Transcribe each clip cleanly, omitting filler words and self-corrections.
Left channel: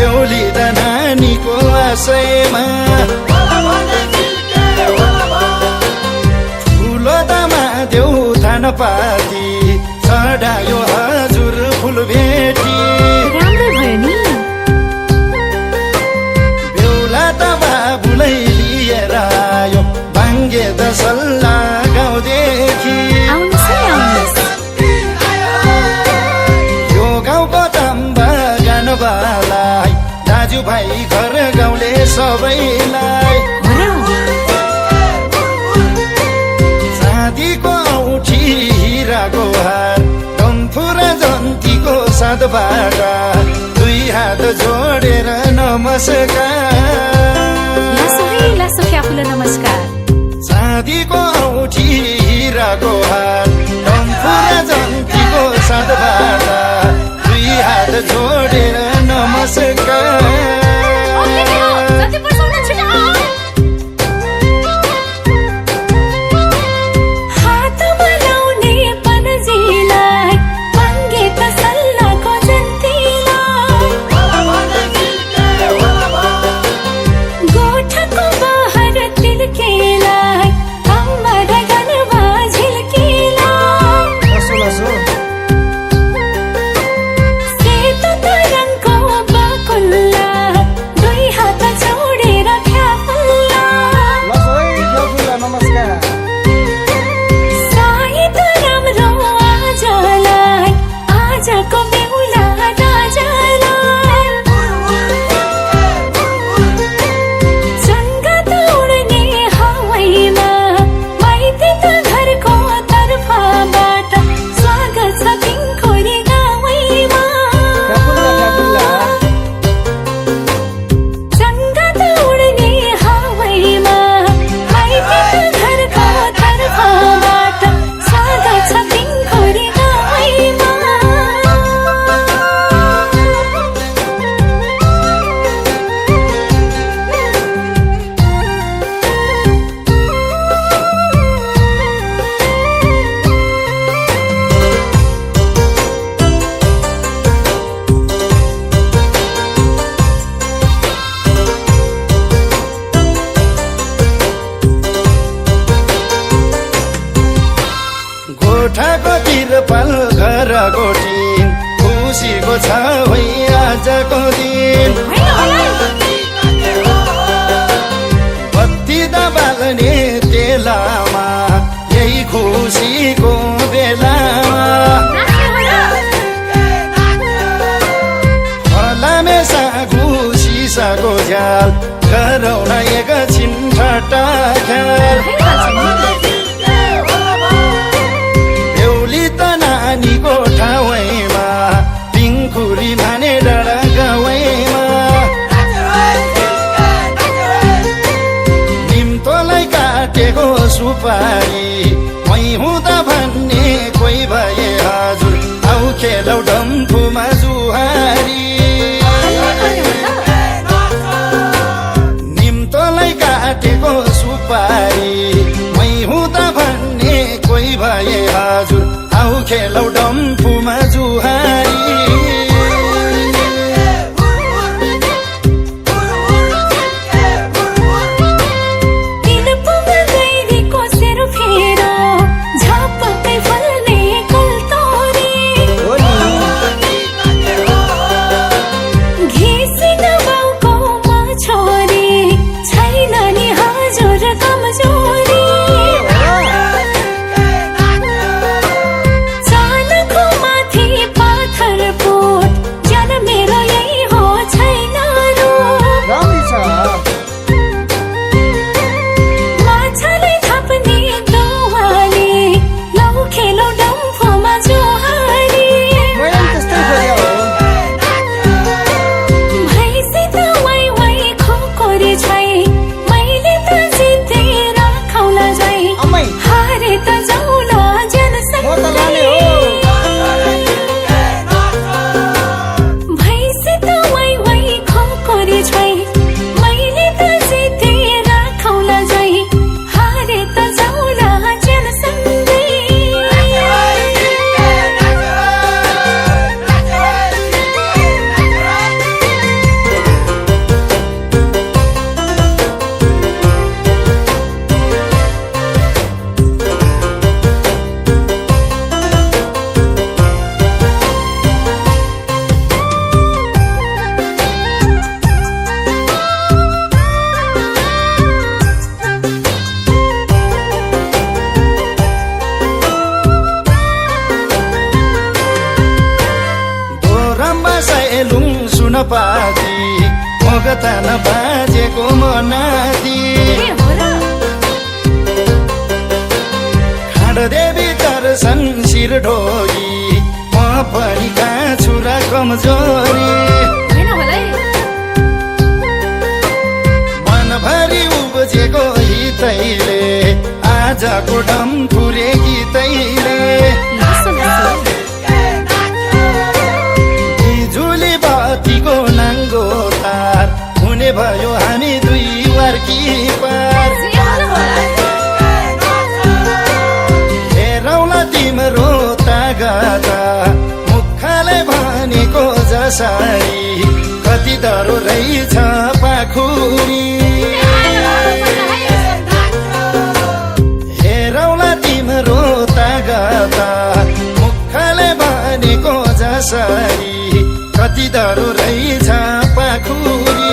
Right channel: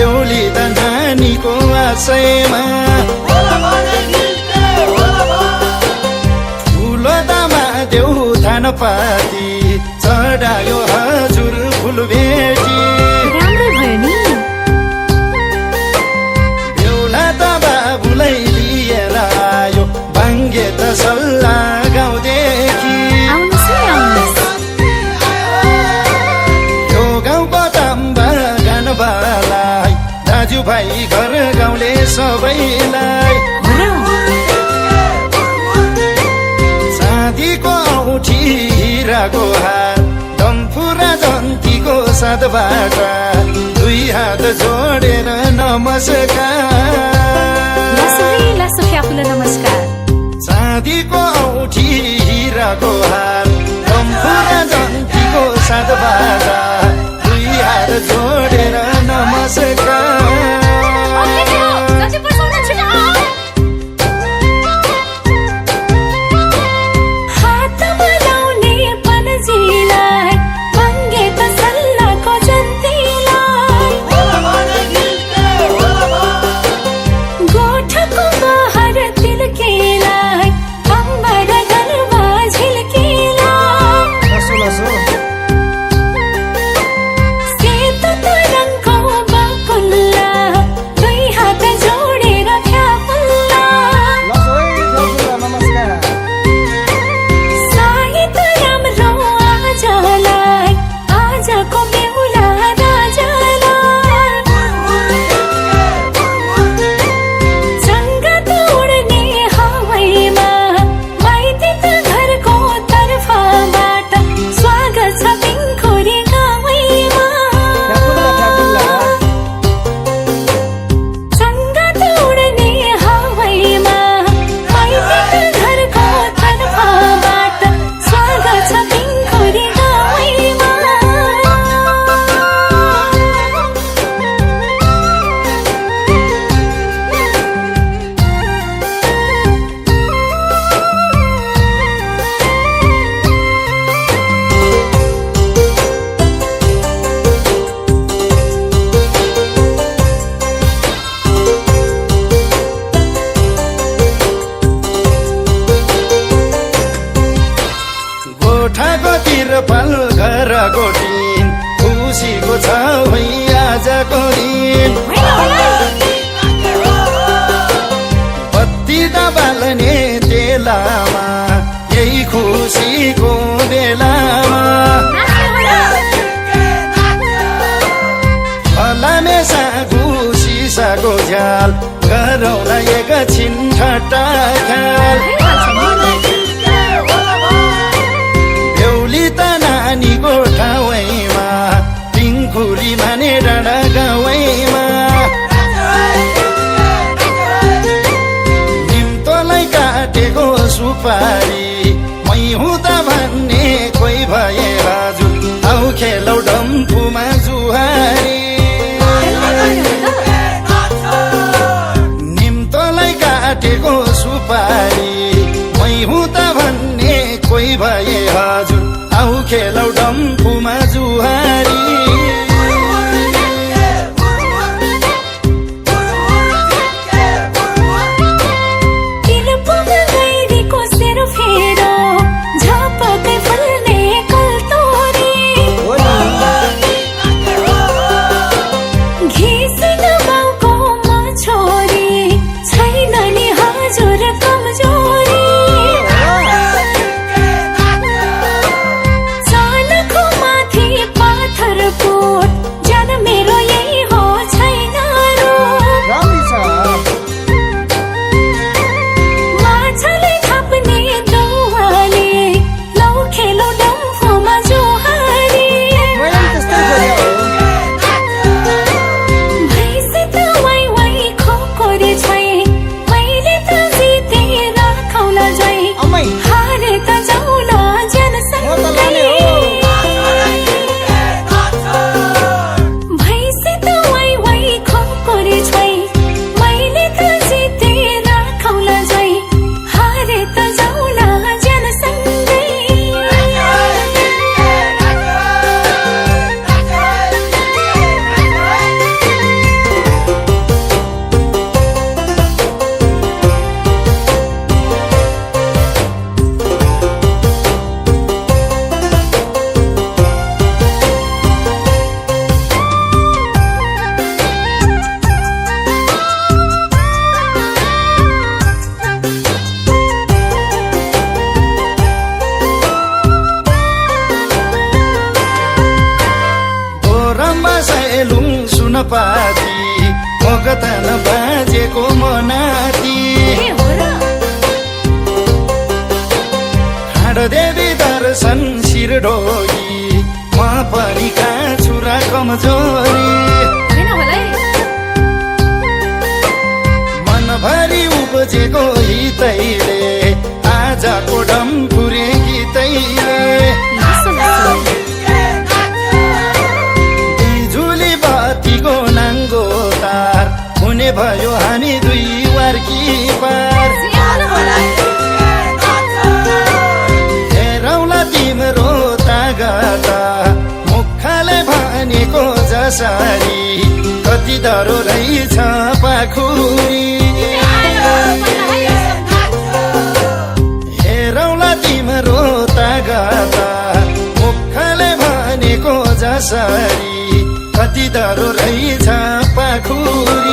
बेहुली त नानीको आशयमा ठुलो दामा देउ थानपाती चढायो हजुर फुल भेटी राम्रो भयो नि बेहुला त बाबुलाई लिएर आयो बाङ्गे त सल्लाह गाउँदेखि आउनुहोस् है आउनुहोस् यो गाउँको ताम्बा गानबालाई दाजुभाइ घर गाउँले सबैलाई चाँदीको औँठी हिराको हार डम्फु र जन्तीको साथबाट दुई हात जोडेर नमस्कार लासो है लासो फ्याफुला नमस्कार चाँदीको औँठी हिराको हार डम्फु र जन्तीको साथबाट दुई हात जोडेर नमस्कार गोठाको तिरपाल घर गोटिन खुसीको छ है आजको दिन बत्ती त बाल्ने तेलामा यही खुसीको बेलामा फलामेसा घुसिसाको झ्याल गरौँला एकछिन ठट्टा ख्याल त नानीको ठाउँमा पिङखुरी भने डाँडा गाउँमा निम्तोलाई काटेको सुपारी मै हुँदा भन्ने कोही भए हजुर आउ खेलौ डम्फुमा जुहारी निम्तोलाई काटेको सुपारी मै हुँदा भन्ने कोही भए हजुर आउ खेलौ डम्फुमा जुहारी हारे त जाउला जनसँग भैँसी त वाइ वाइ खोकोरी छोइ मैले त जितेर खौला जाइ हारे त जाउला जनसँगै पाती मगतन बाजेको मनाती हो र देवी दर्शन शिर ढोगी म पनि छुरा कमजोरी होइन होला है मनभरि उब्जेको हितैले आजको डम्फुरे गीतैले बिजुली बातीको नाङ्गो तार हुने भयो हामी दुई वार्की पार तिम्रो तागता मुखले भनेको जसरी कति डरो रहेछ पाखुरी हेरौला तिम्रो तागता मुखले भनेको जसरी कति डरो रहेछ पाखुरी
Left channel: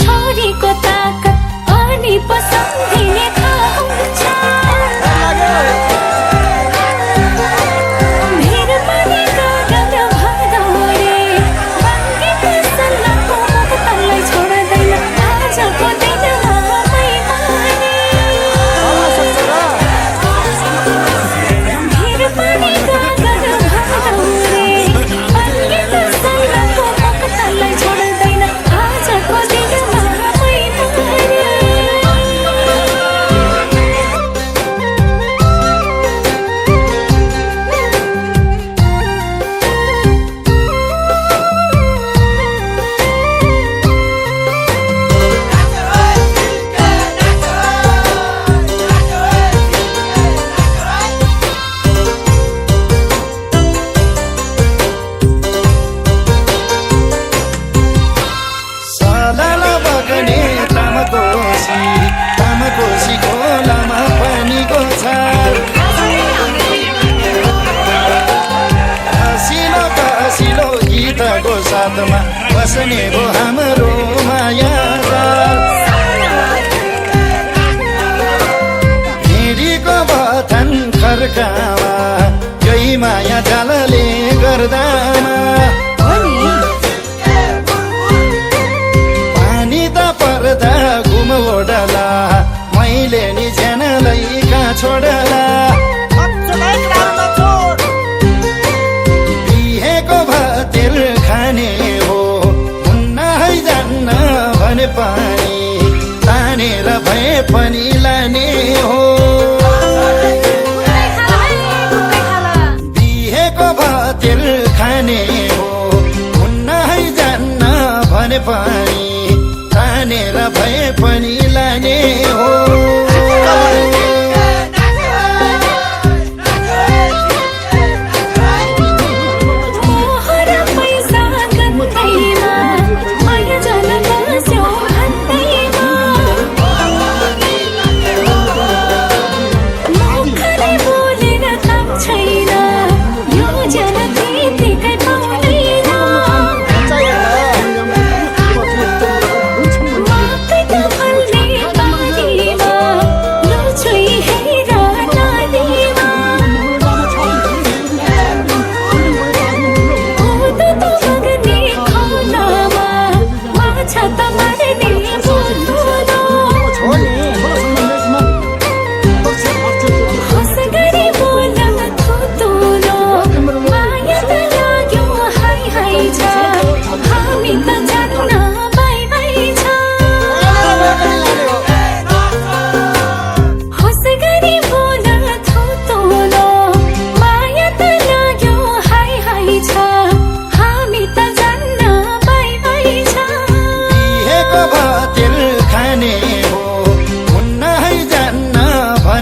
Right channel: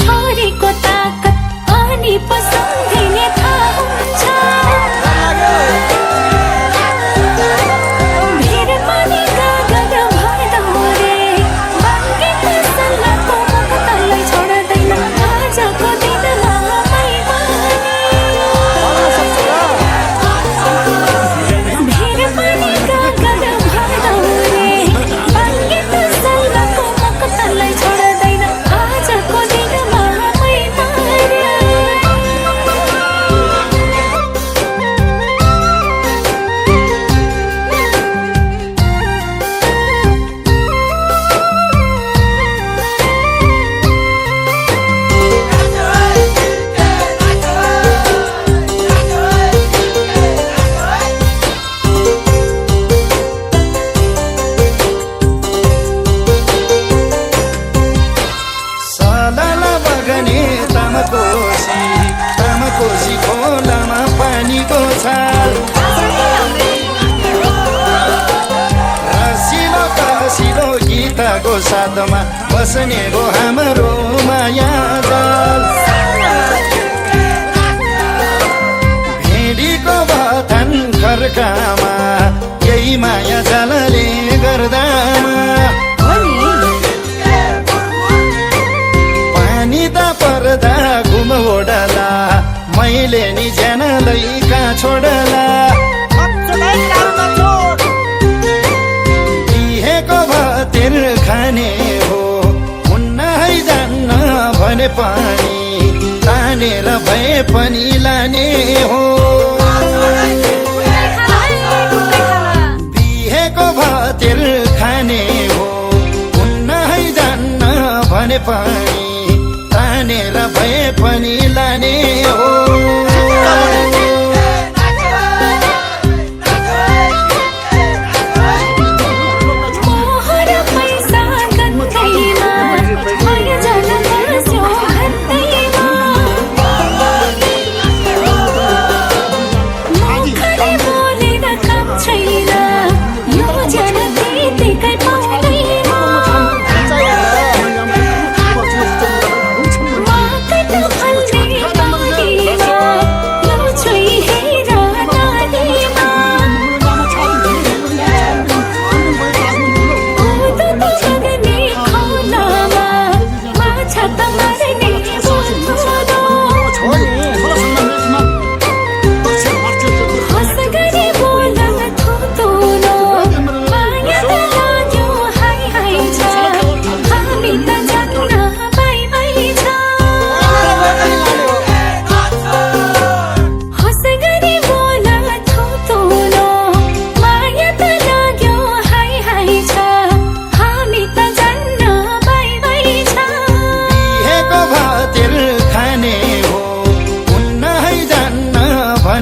छोरीको ताकत अनि पसन्दिने थाहा हुन्छ मेरो पनि कागज भदौरे बङ्गित सल्लाहको मुखलाई छोड्दैन आजको दिनमा मेरो पनि कागज भदौरे बङ्गित सल्लाहको मुखलाई छोड्दैन आजको दिनमा तामाकोसी खोलामा पानीको छाल हँसिलो कसिलो गीतको साथमा बस्ने भो हाम्रो माया हिँडीको बथन खर्कामा यही माया जालले गर्दामा पानी त पर्दा घुमोडला मैले नि ज्यानलाई कहाँ छोडला बिहेको भातिर खाने हो हुन्न है जान्न भने पानी तानेर भए पनि लाने हो बिहेको भातिर खाने हो हुन्न है जान्न भने पानी तानेर भए पनि लाने हो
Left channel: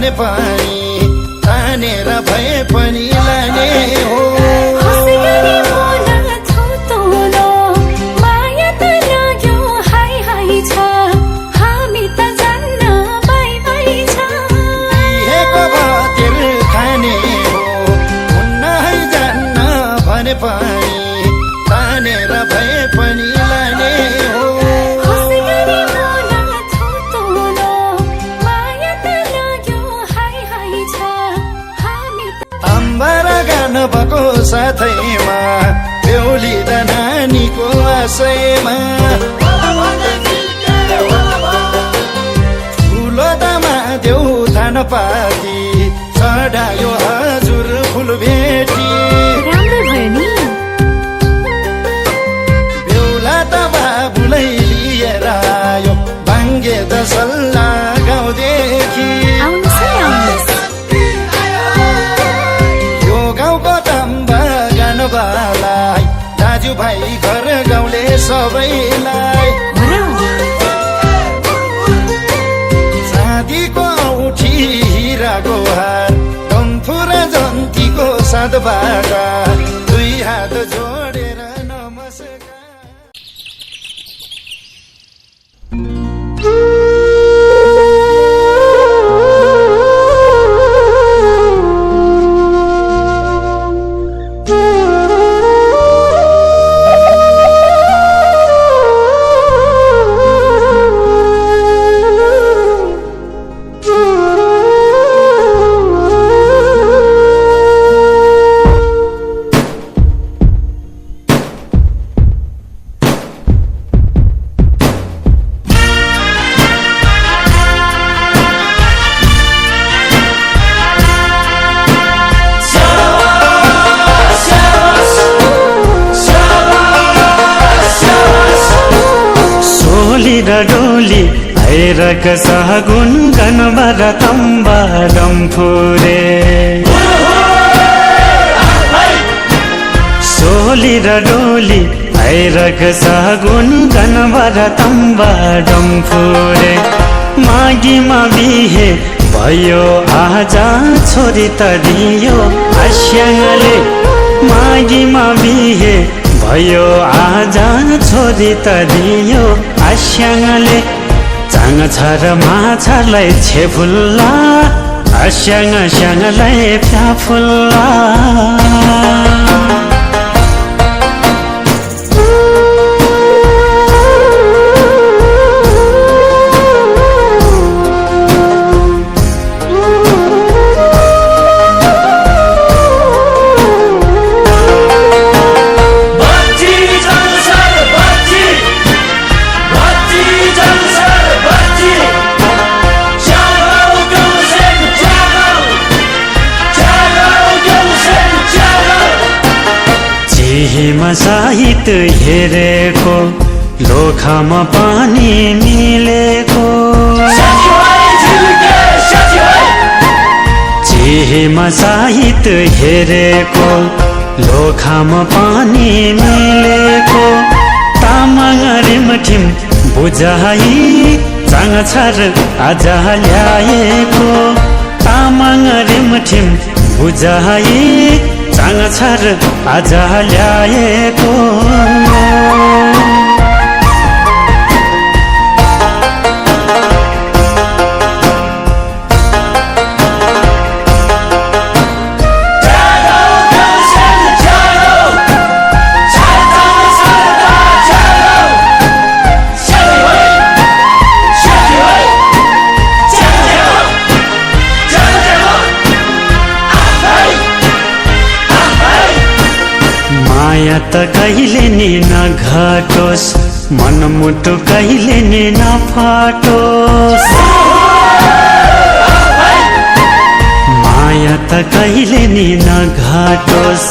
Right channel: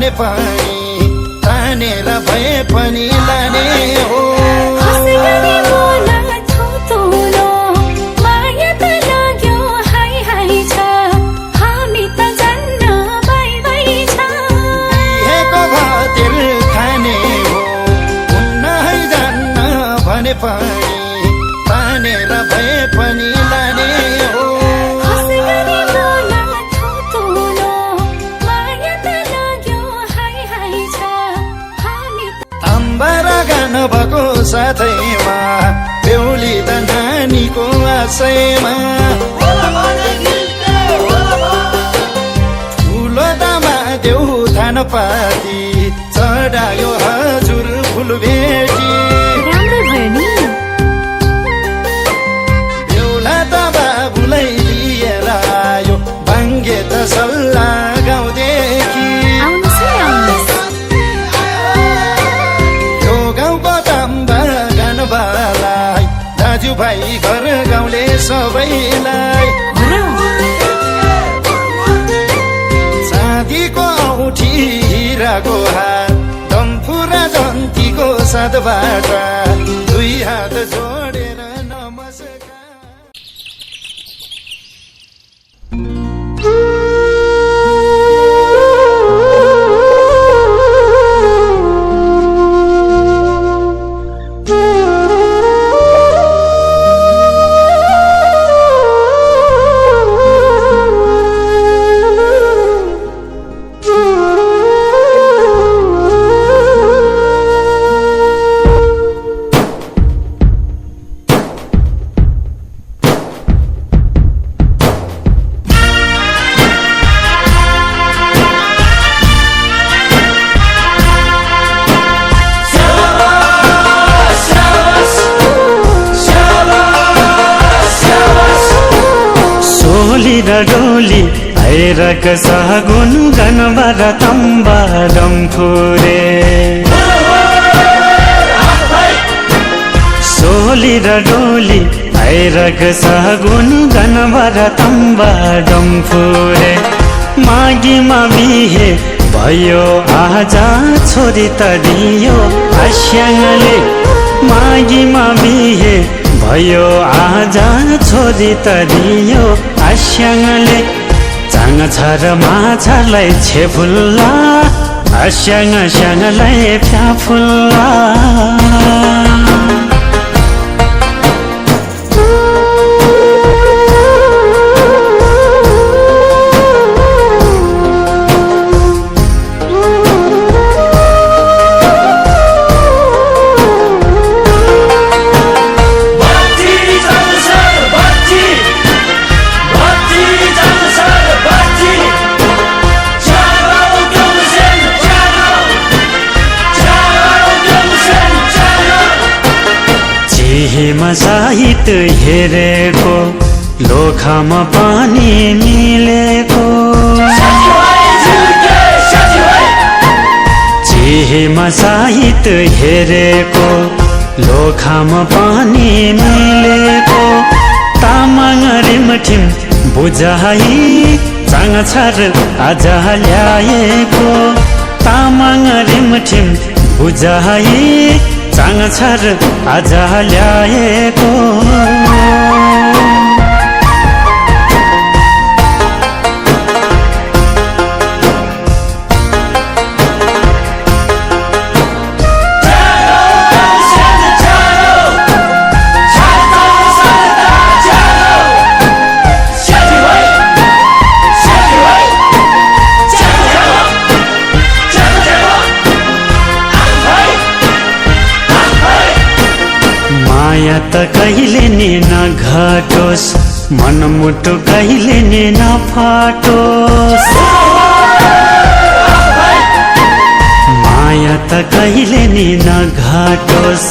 भने पनि तानेर भए पनि लाने हो हँसी गरी बोला थोतोलो माया त लाग्यो हाई हाई छ हामी त जान्न बाई बाई छ बिहेको खातिर खाने हो हुन्न है जान्न भने पनि तानेर भए पनि लाने हो हँसी गरी बोला थोतोलो माया त लाग्यो हाई हाई छ हामी अम्बरा गान भएको साथैमा बेहुली त नानीको आशैमा ठुलो दामा देउ थान पाती चढायो हजुर फुल भेटी राम्रो भयो नि बेहुला त बाबुलाई लिएर आयो बाङ्गे त सल्लाह गाउँदेखि आउनुहोस् है आउनुहोस् यो गाउँको तम्बा गानबालाई दाजुभाइ घर गाउँले सबैलाई हो र चाँदीको औँठी हिराको हात डम्फु र जन्तीको साथबाट दुई हात जोडेर नमस्कार डोली आइरक सगुन गनबर तम्बा डम्फुरे सोली र डोली आइरक सगुन गनबर तम्बा डम्फुरे मागीमा बिहे भयो आजा छोरी त दियो आस्याङले मागीमा बिहे भयो आजा छोरी त दियो आस्याङले चाङ छ र माछालाई छेफुल्ला आस्याङ स्याङलाई फ्याफुल्ला हिमा साहित्य हेरेको लोखामा पानी मिलेको चिहीमा साहित्य हेरेको लोखामा पानी मिलेको तामाङ रिमठिम बुझाइ चाङ छर आज ल्याएको तामाङ रिमठिम बुझाइ चाङ छर आज ल्याएको माया त कहिले नि नघटोस् मनमुटु कहिले नि नफाटोस् माया त कहिले नि नघटोस्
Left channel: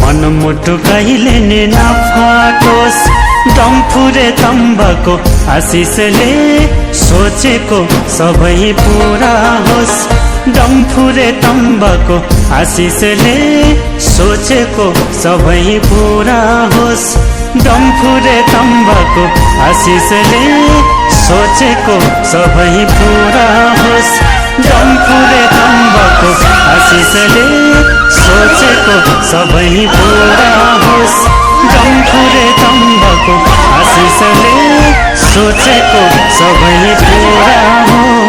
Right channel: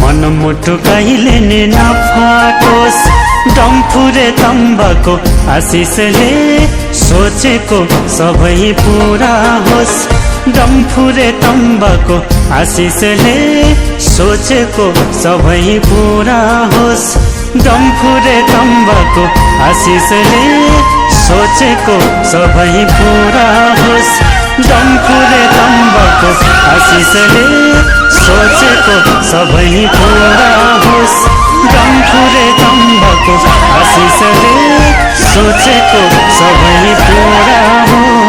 मनमुटु कहिले नि नफाटोस् डम्फुरे तम्बाको आशिषले सोचेको सबै पूरा होस् डम्फुरे तम्बाको आशिषले सोचेको सबै पूरा होस् डम्फुरे तम्बाको आशिषले सोचेको सबै पूरा होस् डम्फुरे तम्बाको आशिषले सोचेको सबै पुरा होस् डम्फुरे तम्बाको आशिषले सोचेको सबै पुरा होस्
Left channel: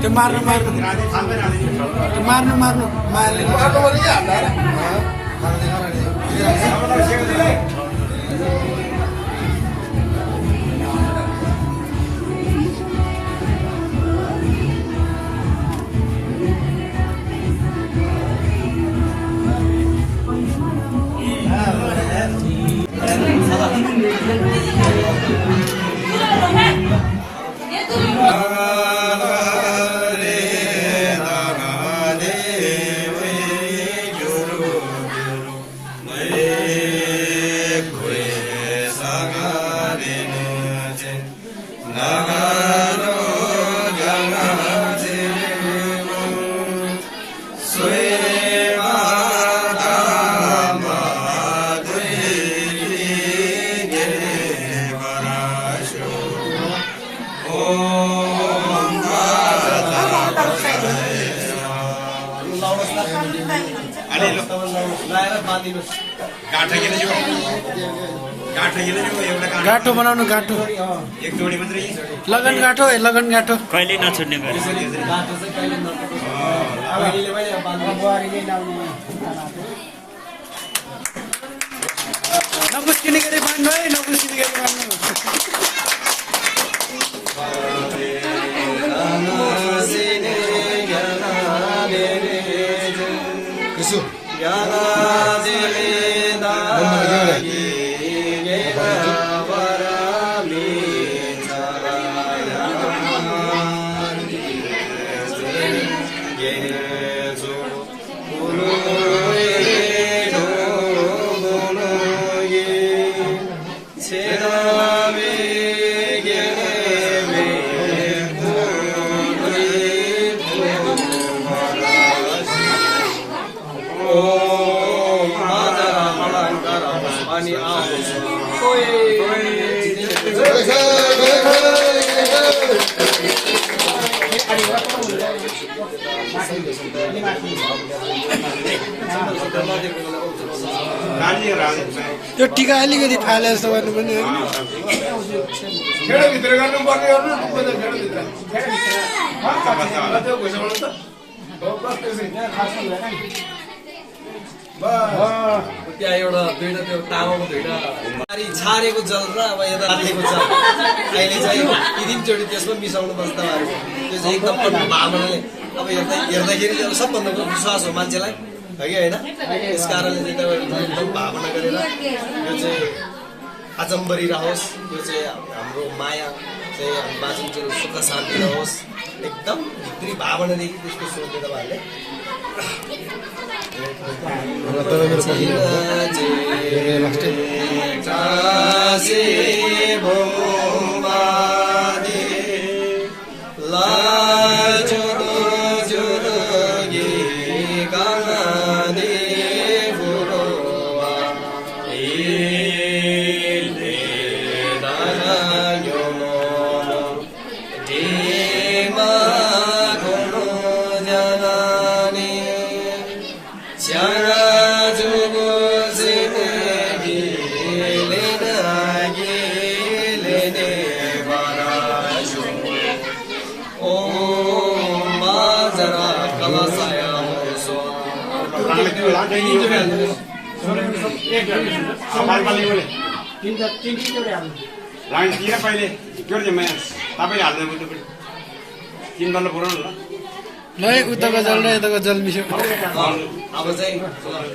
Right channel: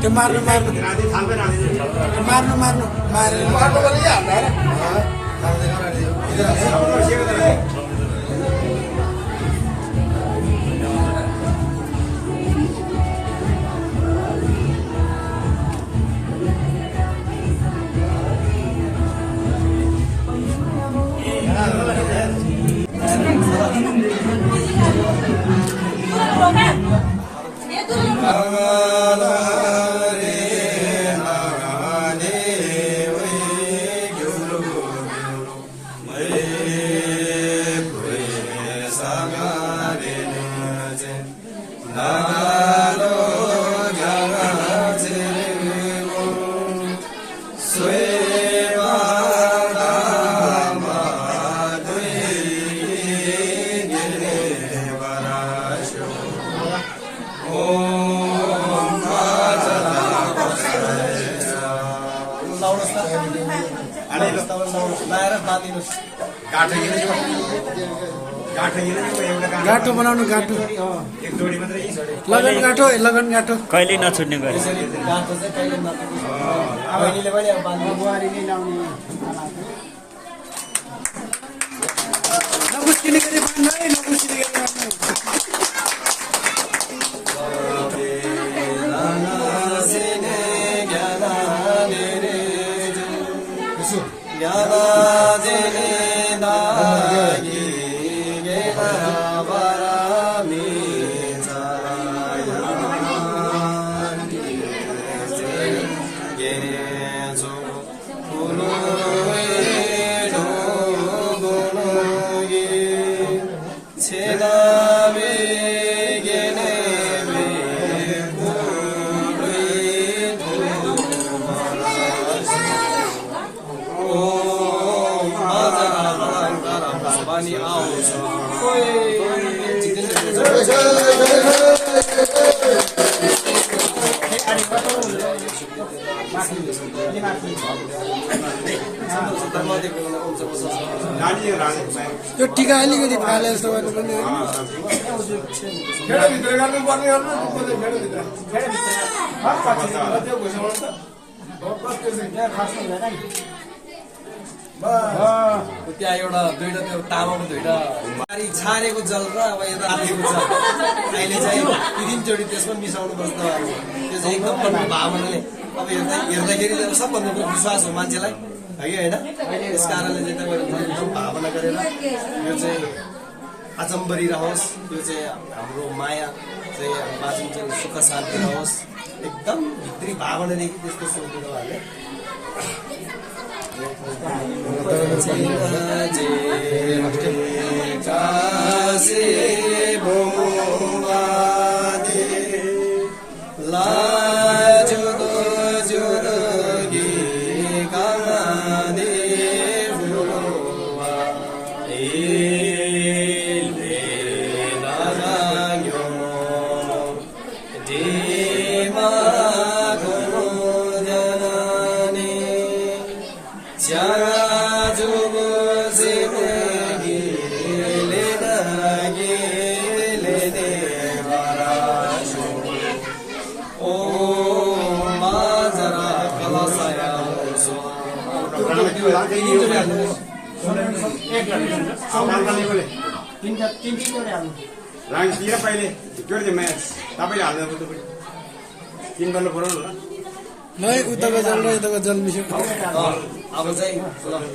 त्यो मार्नु मार्नु मार्नु मार्नु मारेर मार्नु भने गाठो बनाउनु गाठो लगन गाठो लगन गाठो कहिले नछुट्ने नबुझ्किने गरी बान्नु है नबुझ्किने गरी बान्नु त्यो टिका अलिकति फाले जस्तो गर्नु पनि त्यहाँ एउटा दुईटा त्यो तामाको दुईटा छारेको जल र अब यता रातिको जल अहिले चाहिँ ती तिनचोटि त्यसमा मिसाउनु पर्छ तपाईँहरू त्यो चाहिँ एकदम भावनाले अब हेर्दाखेरि चाहिँ सबभन्दा विश्वास हो मान्छेलाई है कि होइन त्यस कारणले चाहिँ तपाईँहरू एकदम भावना गरेर यो चाहिँ आचम्बरी रहोस् यो चाहिँ हाम्रो माया चाहिँ बाँचिन चाहिँ सुख शान्ति रहोस् एकदम भित्री भावनादेखि त्यसको सोध्नु तपाईँहरूले लाइन दिएर पहिले त्यो चाहिँ तपाईँले हाल्नु तिन बल्ल पुऱ्याउनु ल उताको जल र यताको जल मिसो अब चाहिँ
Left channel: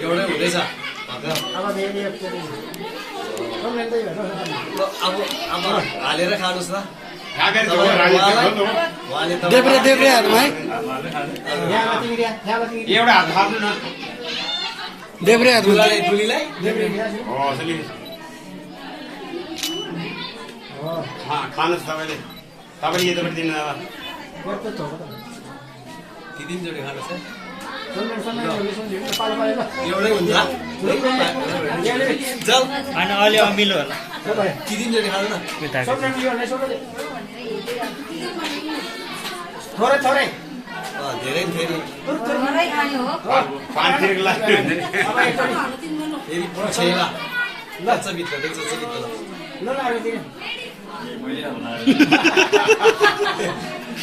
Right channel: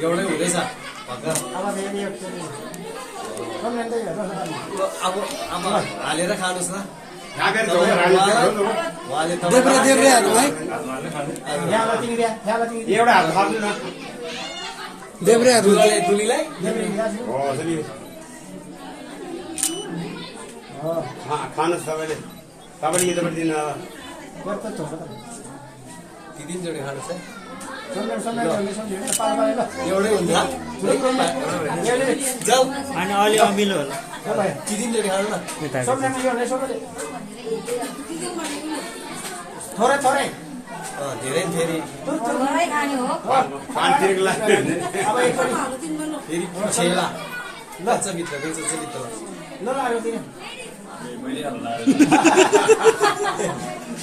एउटै हुँदैछ अब हालेर खानुहोस् ल देब्रे देब्रे हाल्नु है एउटा हात थाप्नु न देब्रे हात दुलीलाई खानुहोस् तपाईँले तपाईँले यतापट्टि दिनु तिनचोटि खानुहोस् एउटै हुन्छ अनि अलि अमिलो होला तिनचोटि खानु न थोरै थोरै धेरै फेरि छेला लच्चा भित्र देख्छ भित्र ल लाग्यो दिने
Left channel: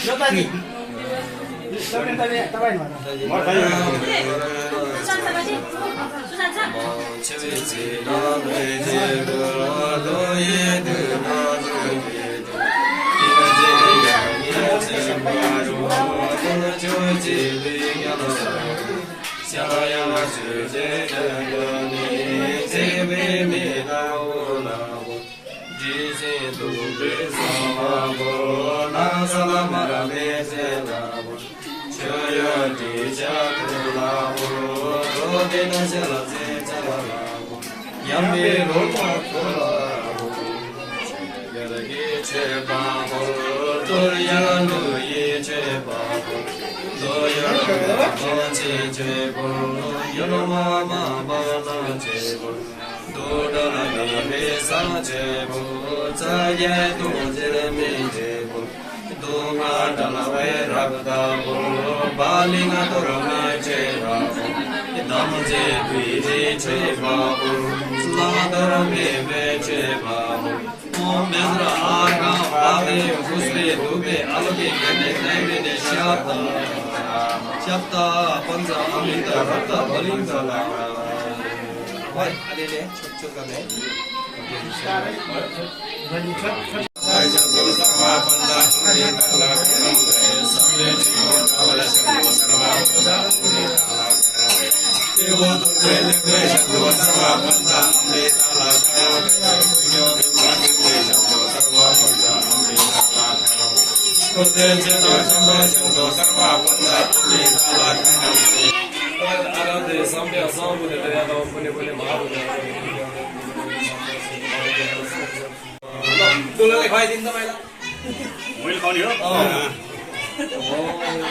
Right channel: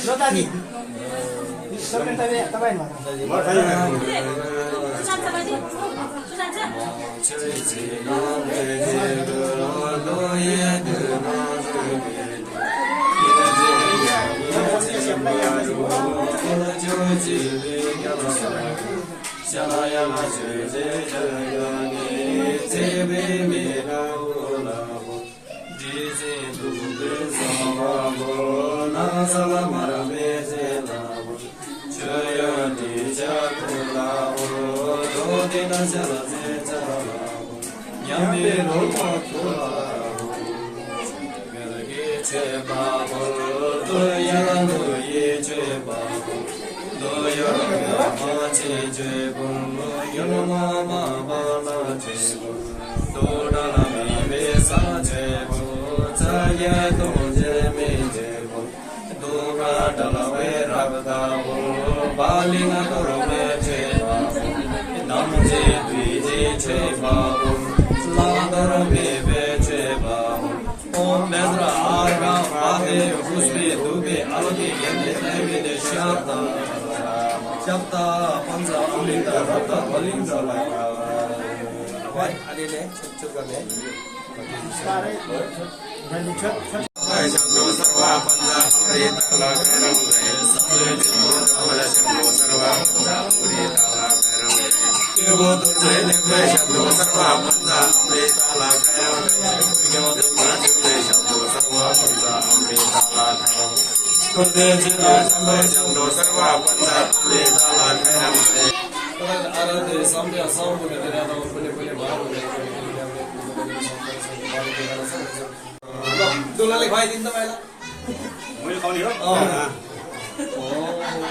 ल दाजु सबै तपाईँ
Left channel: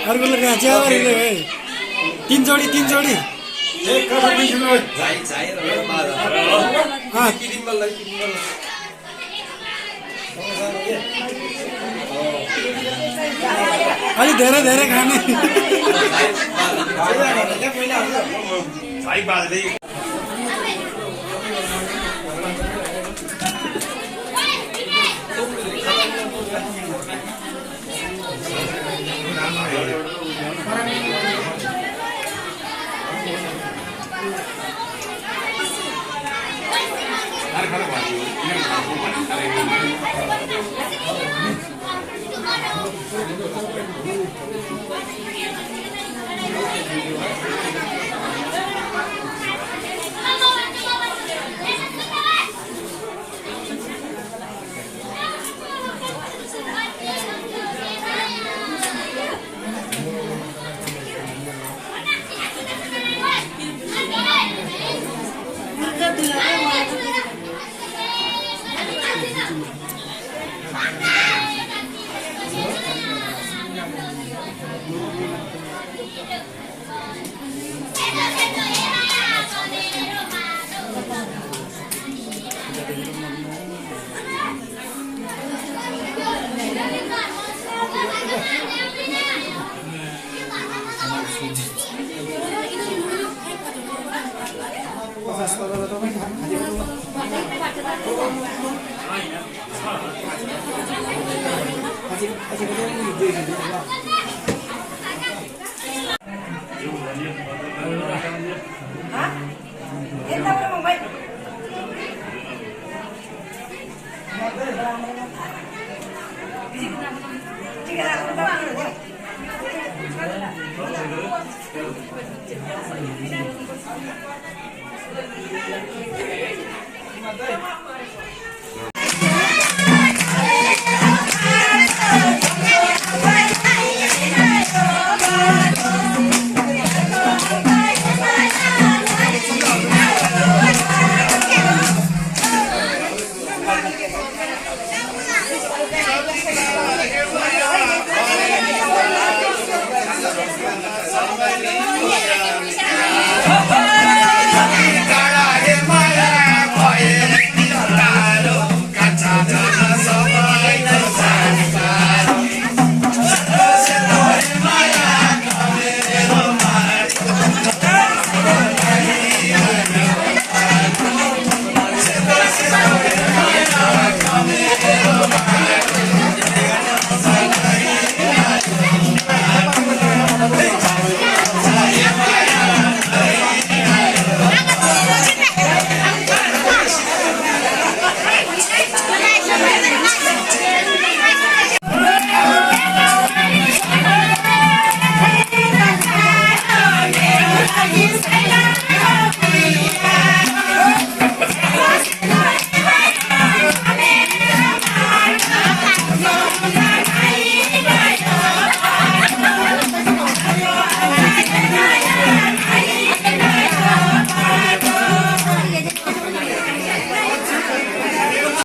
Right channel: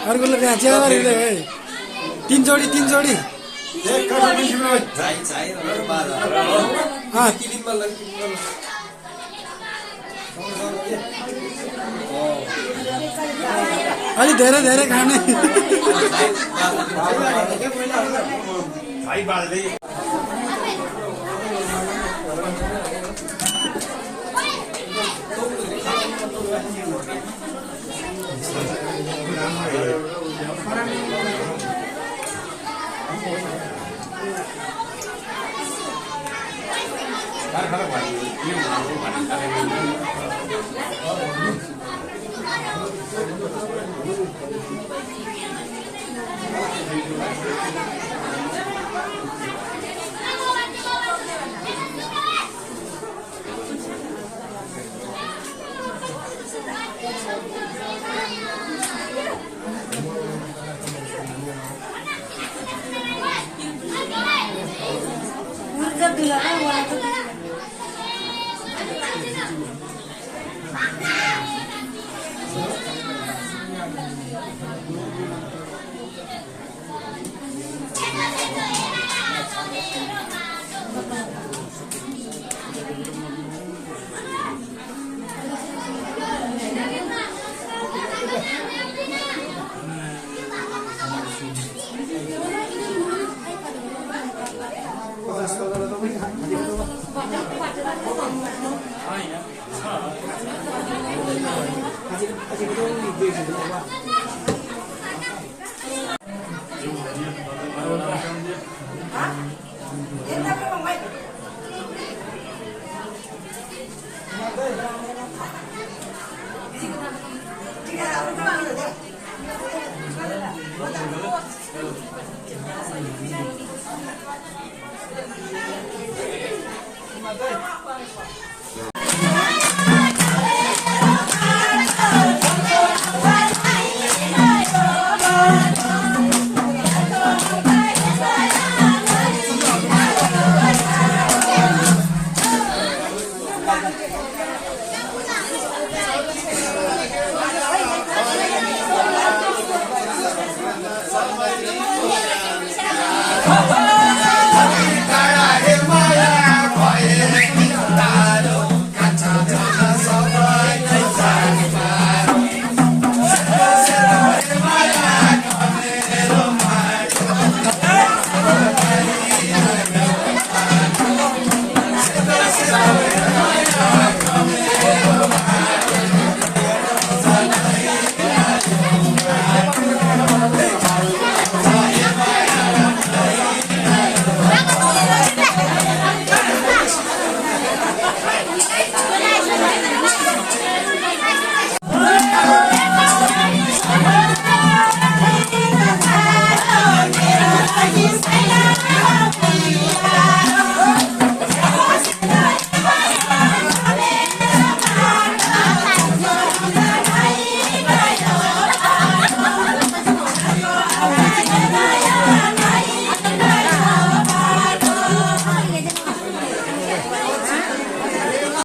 अर्कोले कहाँ च्यावरीले तीन जोडी अलि धेरै खाने Hả?